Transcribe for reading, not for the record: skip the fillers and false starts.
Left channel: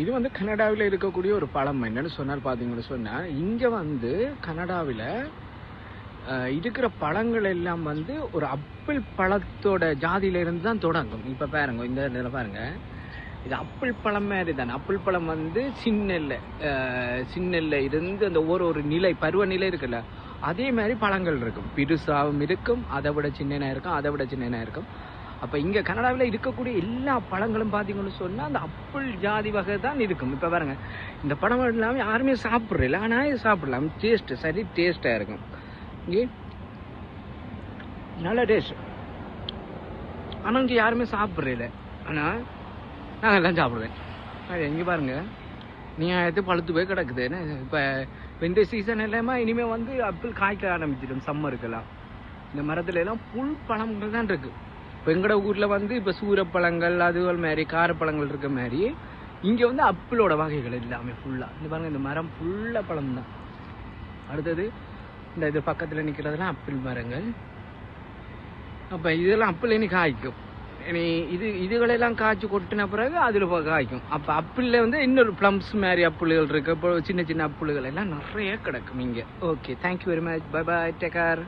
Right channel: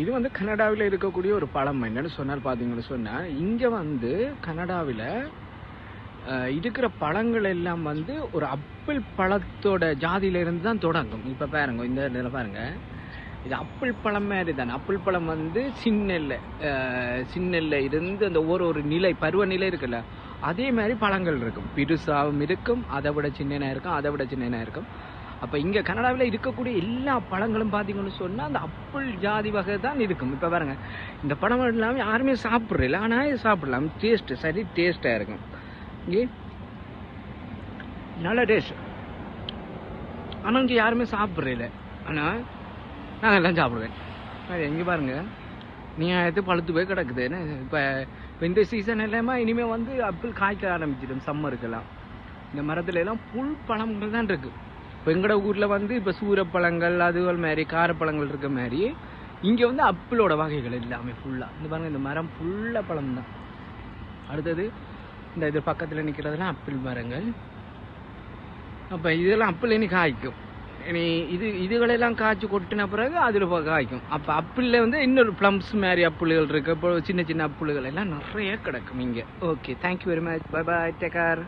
இது வந்து கனடாவில் இருக்கக்கூடிய ஒரு பழம். என்னன்னு சொன்னால் பார்த்தீங்கன்னு சொன்னால், இங்கே வந்து கனடாவில் இருக்கிற பழங்கள் எல்லாம் வந்து ஒரு ஆப்பிள் பழத்தோட ஜாதியிலிருந்து தான் தொடங்கும். இப்போ பாருங்க, இந்த இடத்துல பாருங்க, இது ஆப்பிள் பழம் மாதிரி தானே. ஆப்பிள் பழம் வந்து சின்னெல்ல இருந்து அந்த ஒரு நிலை பருவநிலை இருக்குல்ல, அதே மாதிரி பழங்கள் இருக்கும். பெருசாகவும் இருக்கும், அதை விட சின்னனா இருக்கும், அதை விட சின்னனா இருக்கும். அப்போ இங்கே கனடாவில் இருக்கக்கூடிய எல்லா பழங்களும் பார்த்தீங்கன்னு சொன்னால் அந்த ஆப்பிள் ஜாதி வகை தான் இருக்கும். இப்போ பாருங்க, இந்த பழம் எல்லாமே யாருமே சாப்பிட்றதில்ல, ஆனால் சாப்பிடலாம். டேஸ்ட்டு சரி டேஸ்ட்டாக இருக்கும். இங்கே நல்ல டேஸ்ட், ஆனால் இங்கே யாருமே சாப்பிட்றதில்ல, ஆனால் நாங்கள் எல்லாம் சாப்பிடுவேன். இங்கே பாருங்க, நீங்கள் எது பழுத்து போய் கிடக்குதுன்னு. இப்போ இந்த சீசன் எல்லாமே இனிமேல் வந்து ஆப்பிள் காய்க்க ஆரம்பிச்சிடும். சம்மருக்கெல்லாம் இந்த மரத்துல எல்லாம் புல் பழங்கள் தான் இருக்கு. இப்போ எங்களோட ஊரில் வந்து இப்போ சூரப்பழங்கள் அதுகள் மாதிரி காரப்பழங்கள் இருக்க மாதிரி இங்கே வந்து ஆப்பிளோட வகைகள் எல்லாமே ஃபுல்லாக. இந்த பாருங்க, இந்த மரம் ஃபுல்லாக பழம் தான். அடுத்தது இந்த இது பக்கத்தில் நிற்கிறதுலாம் ஆப்பிள் மரங்கள். அப்போ இதெல்லாம் ஆப்பிள் இனி காய்க்கும். இனி இதுகளெல்லாம் காய்ச்சி கொட்டின பிறகு அதில் காய்க்கும். அப்போ ஆப்பிளில் வந்து இன்னொரு ப்ளம்ஸ் மாதிரி ஆப்பிள்கள் இருக்கு. அப்போ சின்ன சின்ன ஆப்பிள்கள் எல்லாம் நிறைய கிடக்கும் இங்கே. Okay, thank you very much, bye bye, take care.